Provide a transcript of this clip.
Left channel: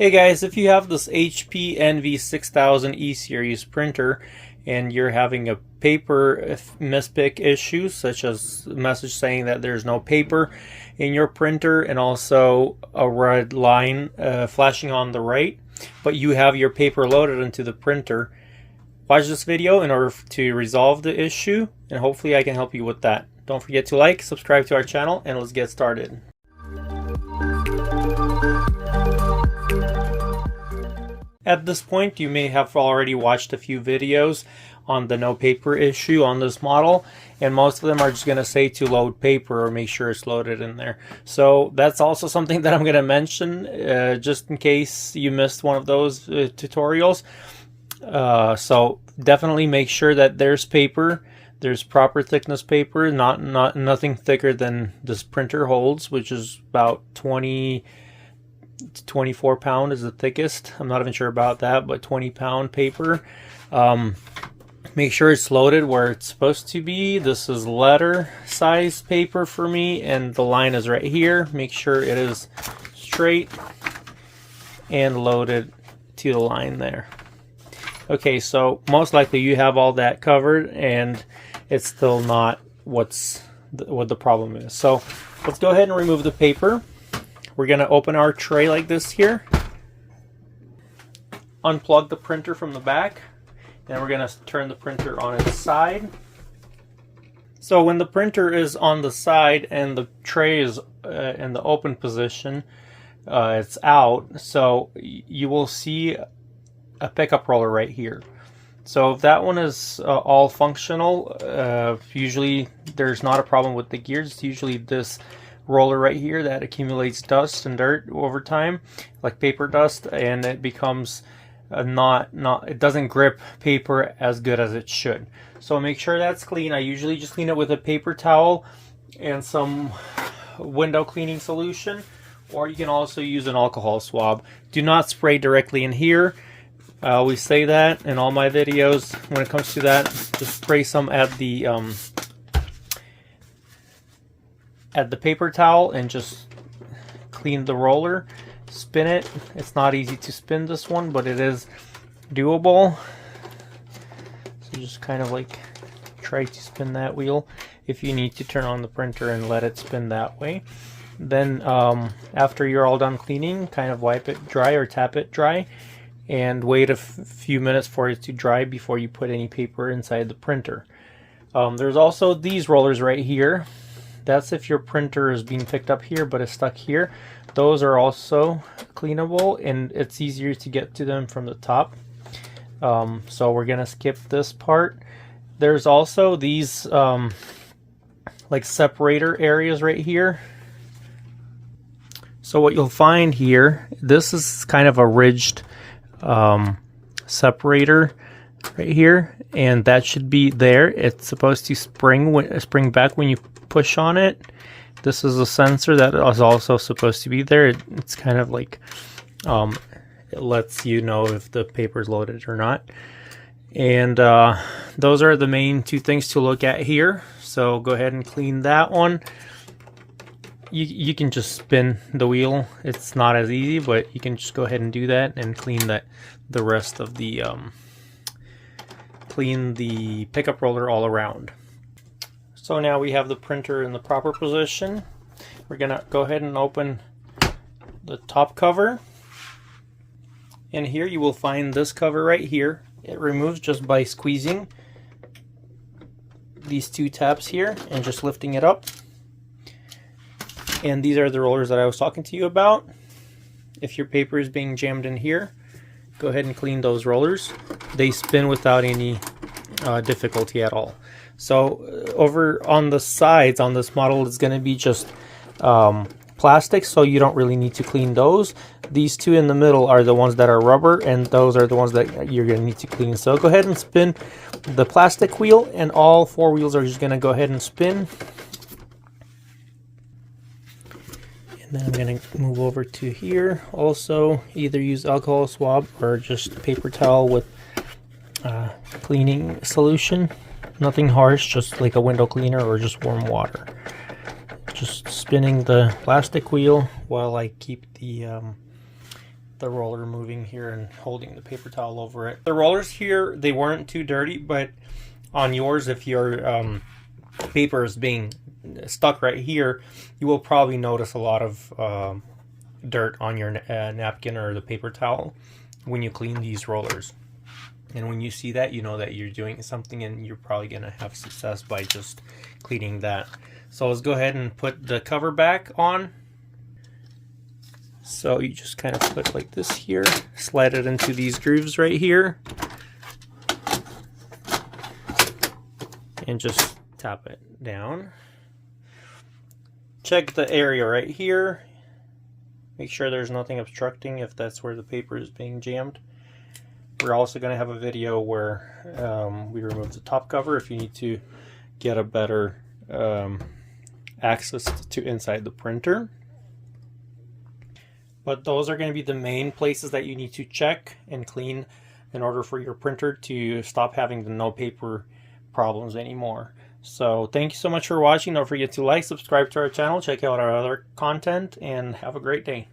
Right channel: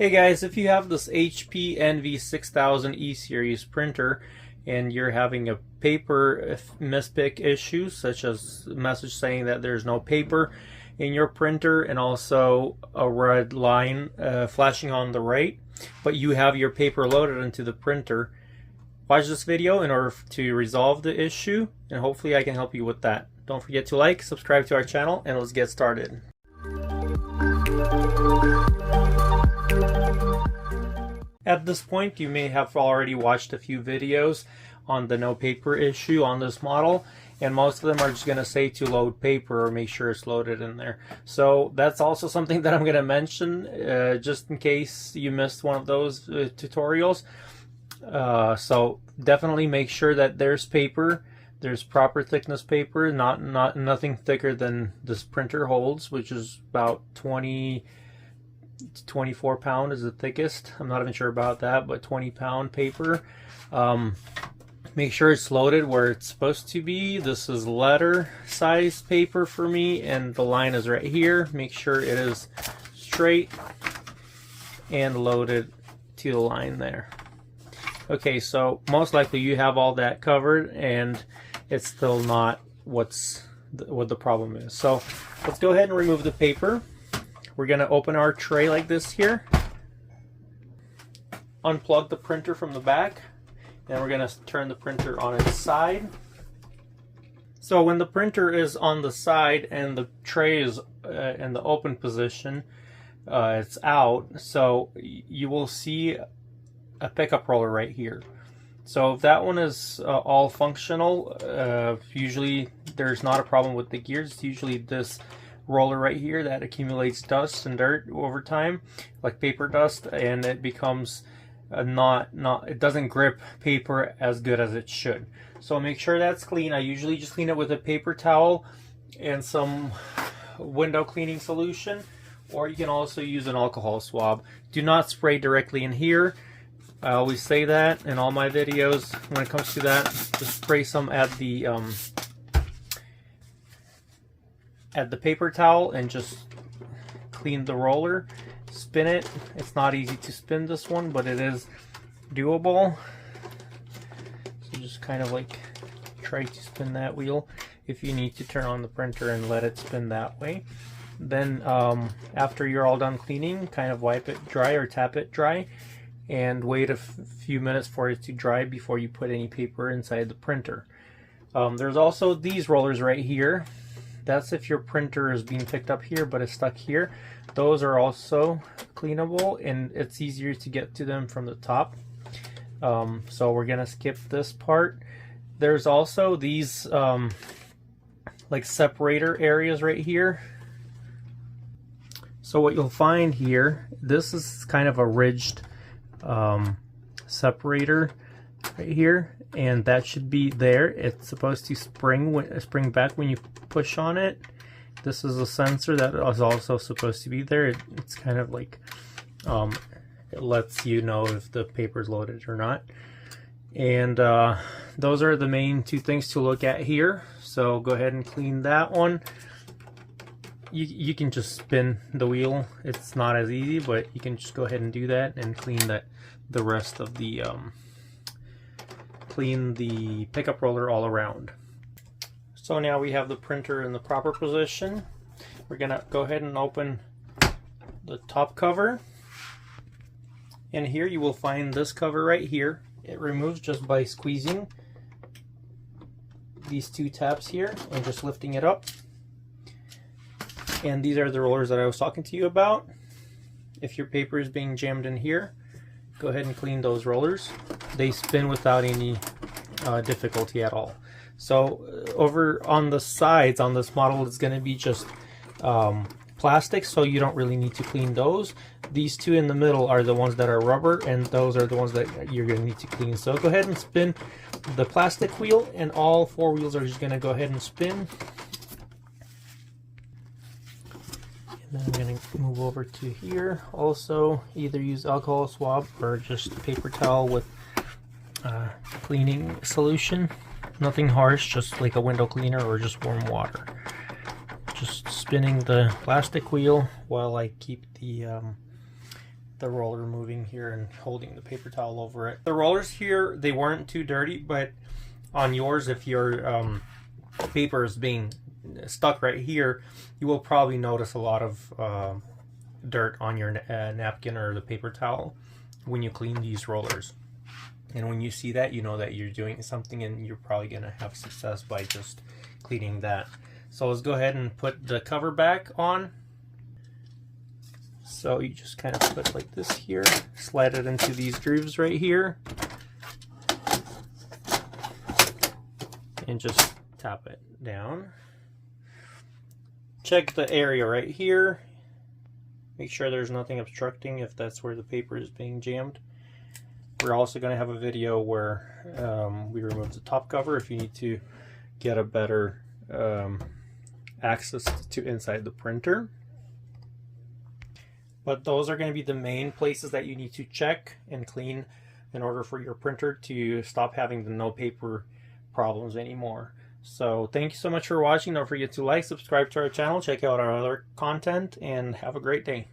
Hey guys, if you have this HP Envy 6000 E-Series printer and you're having a paper mispick issue, such as a message saying that there's no paper in your printer and also a red line flashing on the right, but you have your paper loaded into the printer, watch this video in order to resolve the issue, and hopefully I can help you with that. Don't forget to like, subscribe to our channel, and let's get started. At this point, you may have already watched a few videos on the no paper issue on this model, and most of them are just going to say to load paper or make sure it's loaded in there. So that's also something that I'm going to mention just in case you missed one of those tutorials. So definitely make sure that there's paper. There's proper thickness paper, nothing thicker than this printer holds, which is about 20 to 24 pound is the thickest. I'm not even sure about that, but 20 pound paper. Make sure it's loaded where it's supposed to be. This is letter size paper for me, and the line is right here. Make sure it is straight and loaded to the line there. Okay, so most likely you have all that covered, and it's still not what the problem is. So let's go ahead and remove the paper. We're going to open our tray like this here, unplug the printer from the back, and we're going to turn the printer on its side. So when the printer is on the side and the tray is in the open position, it's out, so you will see a pickup roller right here. So if that one is all functional, usually there's not a problem with the gears. It's usually this roller right here that accumulates dust and dirt over time, like paper dust, and it becomes it doesn't grip paper as good as it should. So make sure that's clean. I usually just clean it with a paper towel and some window cleaning solution, or you can also use an alcohol swab. Do not spray directly in here. I always say that in all my videos when it comes to that. Just spray some at the paper towel and just clean the roller. Spin it. It's not easy to spin this one, but it is doable. So just kind of like try to spin that wheel. If you need to turn on the printer and let it spin that way. Then after you're all done cleaning, kind of wipe it dry or tap it dry, and wait a few minutes for it to dry before you put any paper inside the printer. There's also these rollers right here. That's if your printer is being picked up here but it's stuck here. Those are also cleanable, and it's easier to get to them from the top. So we're gonna skip this part. There's also these like separator areas right here. So what you'll find here, this is kind of a ridged separator right here, and that should be there. It's supposed to spring back when you push on it. This is a sensor that is also supposed to be there. It's kind of like it lets you know if the paper is loaded or not. And those are the main two things to look at here. So go ahead and clean that one. You can just spin the wheel. It's not as easy, but you can just go ahead and do that and clean the rest of the clean the pickup roller all around. So now we have the printer in the proper position. We're gonna go ahead and open the top cover, and here you will find this cover right here. It removes just by squeezing these two tabs here and just lifting it up. And these are the rollers that I was talking to you about. If your paper is being jammed in here, go ahead and clean those rollers. They spin without any difficulty at all. So over on the sides on this model, it's going to be just plastic, so you don't really need to clean those. These two in the middle are the ones that are rubber, and those are the ones that you're going to need to clean. So go ahead and spin the plastic wheel, and all four wheels are just going to go ahead and spin. Then I'm going to move over to here. Also, either use alcohol swab or just paper towel with cleaning solution. Nothing harsh, just like a window cleaner or just warm water. Just spinning the plastic wheel while I keep the the roller moving here and holding the paper towel over it. The rollers here, they weren't too dirty, but on yours, if your paper is being stuck right here, you will probably notice a lot of dirt on your napkin or the paper towel when you clean these rollers. And when you see that, you know that you're doing something, and you're probably going to have success by just cleaning that. So let's go ahead and put the cover back on. So you just kind of put it like this here, slide it into these grooves right here, and just tap it down. Check the area right here. Make sure there's nothing obstructing if that's where the paper is being jammed. We're also going to have a video where we remove the top cover if you need to get a better access to inside the printer. But those are going to be the main places that you need to check and clean in order for your printer to stop having the no paper problems anymore. So thank you so much for watching. Don't forget to like, subscribe to our channel, check out our other content, and have a great day.